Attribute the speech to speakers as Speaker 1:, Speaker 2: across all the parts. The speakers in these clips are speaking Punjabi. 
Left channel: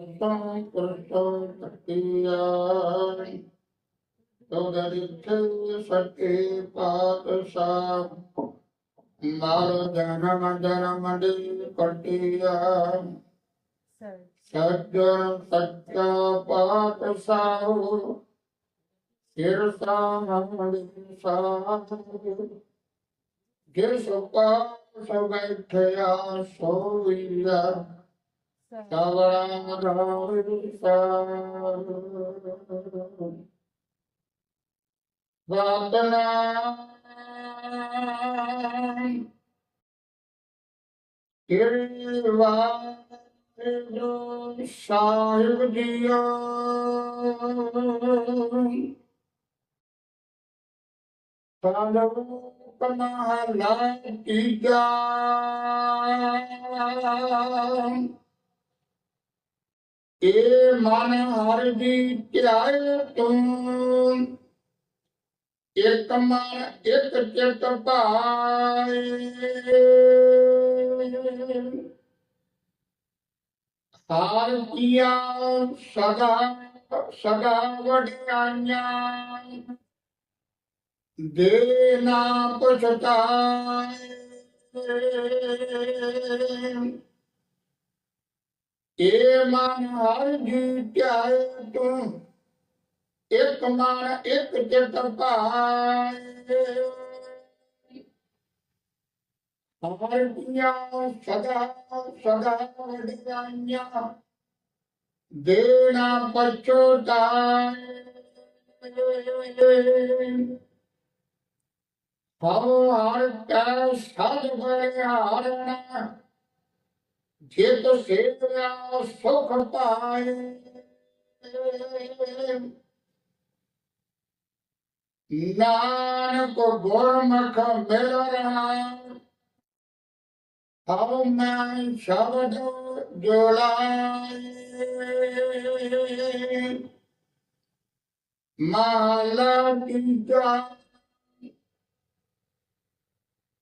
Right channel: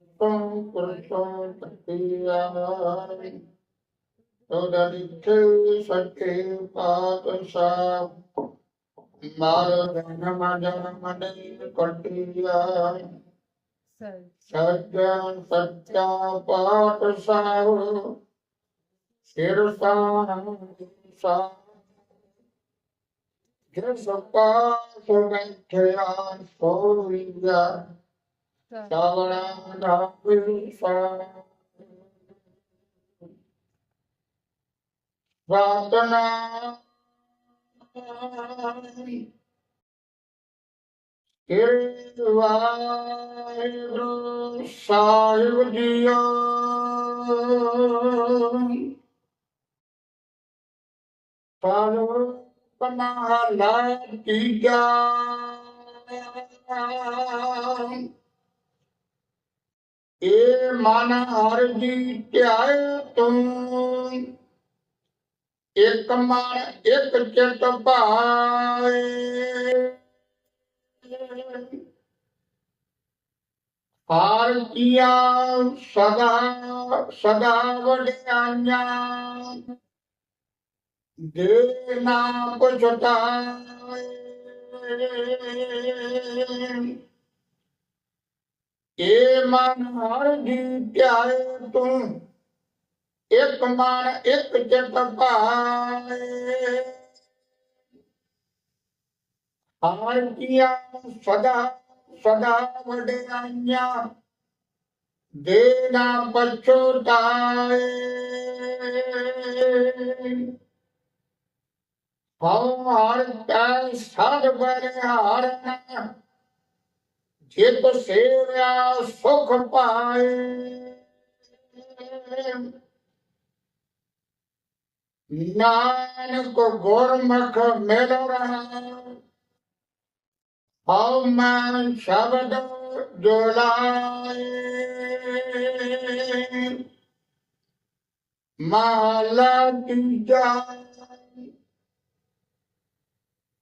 Speaker 1: ਤੂੰ ਪੁਰਸ਼ੋ ਤਤੀਆ ਤੋਦਾ ਦਿੱਤੇ ਸੱਚੇ ਪਾਤਸ਼ਾਹ ਮਾਰ ਜਨਮ ਜਨਮ ਦੀ ਕਟਿਆ ਸੱਚ ਸੱਚਾ ਪਾਤਸ਼ਾਹ ਸਿਰ ਸਾਨਮ ਦੀ ਸਾਥ ਜਿਸ ਪਾਸ ਸਤਨਾਮ ਸ੍ਰੀ ਵਾਹਿਗੁਰੂ ਸਾਹਿਬ ਜੀਓ ਸਾਨੂੰ ਕਮਹਲਾ ਤੀਜਾ ਏ ਮਨ ਹਰ ਜੀ ਧਿਆਏ ਤੂੰ ਇਕ ਮਨ, ਇਕ ਚਿਤ ਭਾਏ। ਹਾਰ ਕੀਆ ਸਦਾ ਸਦਾ ਵਡਿਆਈਆਂ। ਦੇ ਨਾ ਪਛਤਾਏ। ਏ ਮਨ ਹਰ ਜੀ ਧਿਆਏ ਤੂੰ, ਇਕ ਮਨ ਇਕ ਚਿਤ ਭਾਏ। ਹਾਰ ਕੀਆ ਸਦਾ ਸਦਾ ਵਡਿਆਈਆਂ ਦੇ ਨਾ ਪਛਤਾਏ ਹਉ ਹਰ ਕੈ ਸਦ ਬਰਿਹਾਰਣਾ ਜਿਤ ਸੇਵਿਆ ਸੁਖ ਪਾਏ। ਨਾਨਕ ਗੁਰਮੁਖ ਮਿਲ ਰਹਾ। ਹਉ ਮੈਂ ਸ਼ਬਦ ਜੁਲਾਏ। ਮਹਲਾ ਤੀਜਾ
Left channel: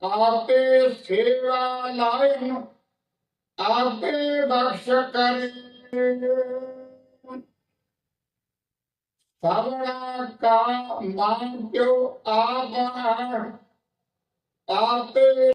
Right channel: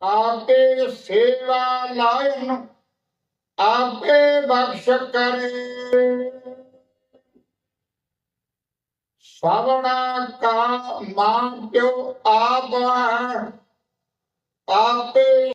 Speaker 1: ਆਪੇ ਸੇਵਾ ਲਾਇਨ ਆਪੇ ਬਖਸ਼ ਕਰੇ ਸਵਣਾ ਕਾ ਮਾਂ ਪਿਓ ਆਪ ਹੈ। ਆਪੇ